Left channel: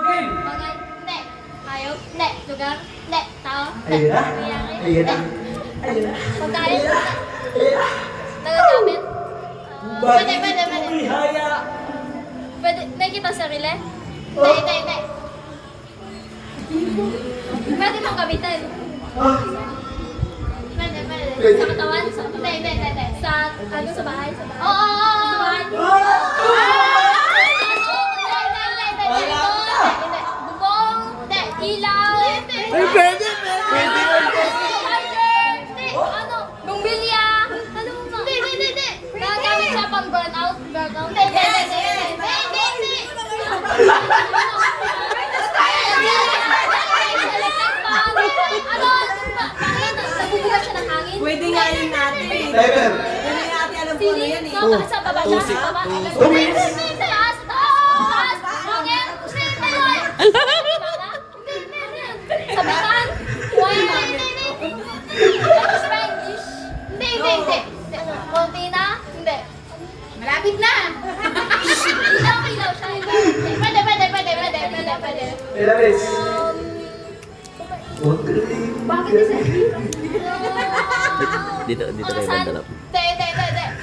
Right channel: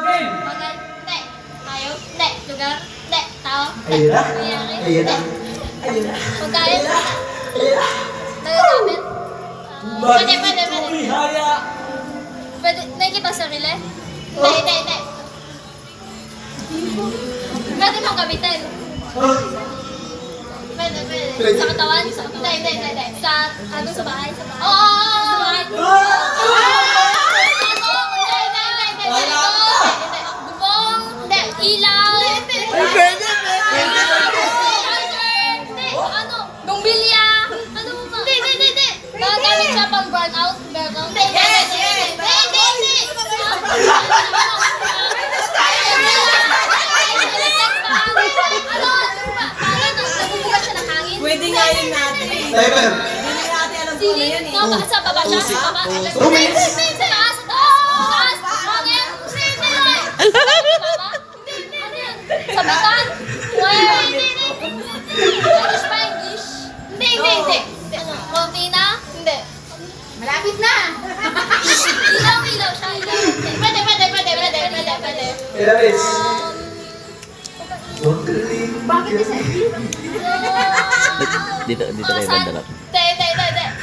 Green. Bagay? Hindi. Hayop? Hindi. Lugar? Hindi. Tao? Ayun na. Nangyayari? Ayun na. Hindi. Ayun na. Pagkain? Ayun na. Nagagamit? Pwede. Bihaya. Pwede. Nakikita sa sarili? Hindi. Pwede mong gamitin? Pwede. Pwede. Sa katawan? Hindi. Sa, sa bahay? Oo. Sa bahay? Bubong? Ilaw? Ay, pwede. Ano? Bumbilya? Ano ba? Hindi. Nagagamit siya pang burnout? Hindi. Nabubugat siya ng hangin? Pwede nga yun natin. Diaper. Siling? Sa baba siya? Sa baba? Sa taas? Hangin? Sa beton? Wire? English? Hindi. Ano? Cortina? Hindi. Malapit na. Ilaw siya. Pwede. Ilalis. Bakit kasi? Dito kayo bandalap. Hindi.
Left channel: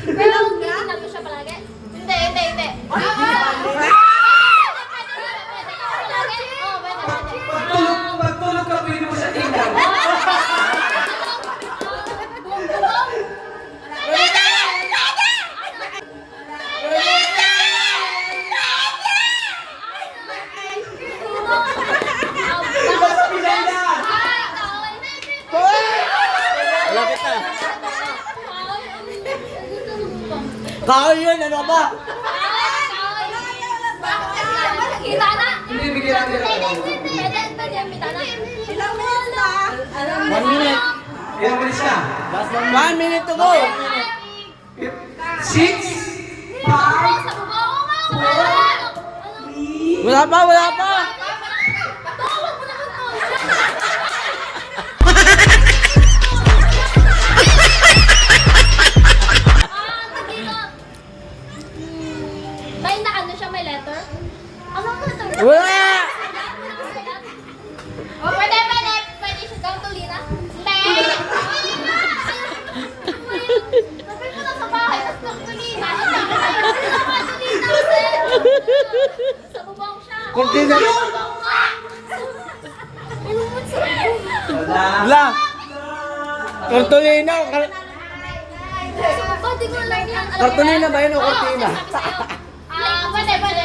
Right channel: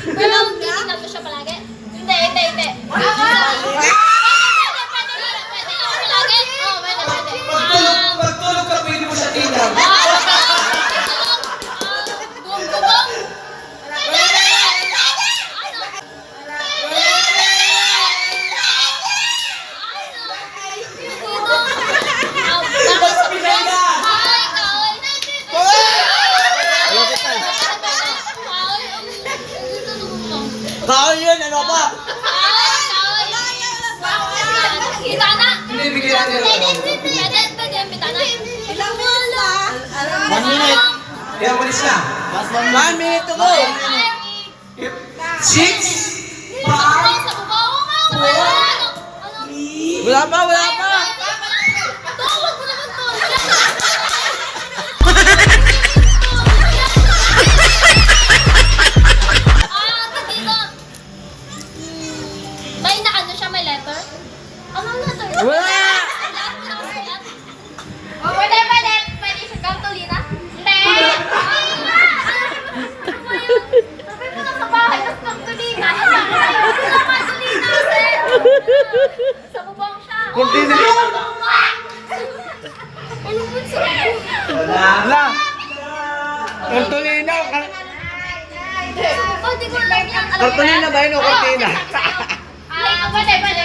Pero titignan mo siya palagi? Hindi. Magtulog ka, pwede mo siya tingnan. Bubong? Malapit na. Kahoy yun, ano ba? Bitana? Hindi, bigyan natin. Pwede yung bitana? Ilang minutes na? 1 minute. Ilang malis na? Last 1 minute to go. 6, 5, Sa bubong? Wala pa. Tawag mo naman to! May naano siya, may letter? Anong letter? Wala! Oh, pwede. Pwede siya gantulina? Hindi! Sabi mo na sa bahay, tapos gantulina. Hindi na gantulina kasi. Sa bubong siya. Cortina. Ano mo sa bubong? Wala. Tortolino. Sa bubong, di ko alam yan. Tortolino ba yun o cortina? Pwede. Pwede.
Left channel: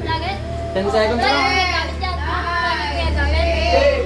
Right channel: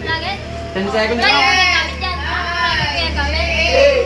Lagi? 10 seconds. Lagi mo gamit yan. Lagi mo gamit.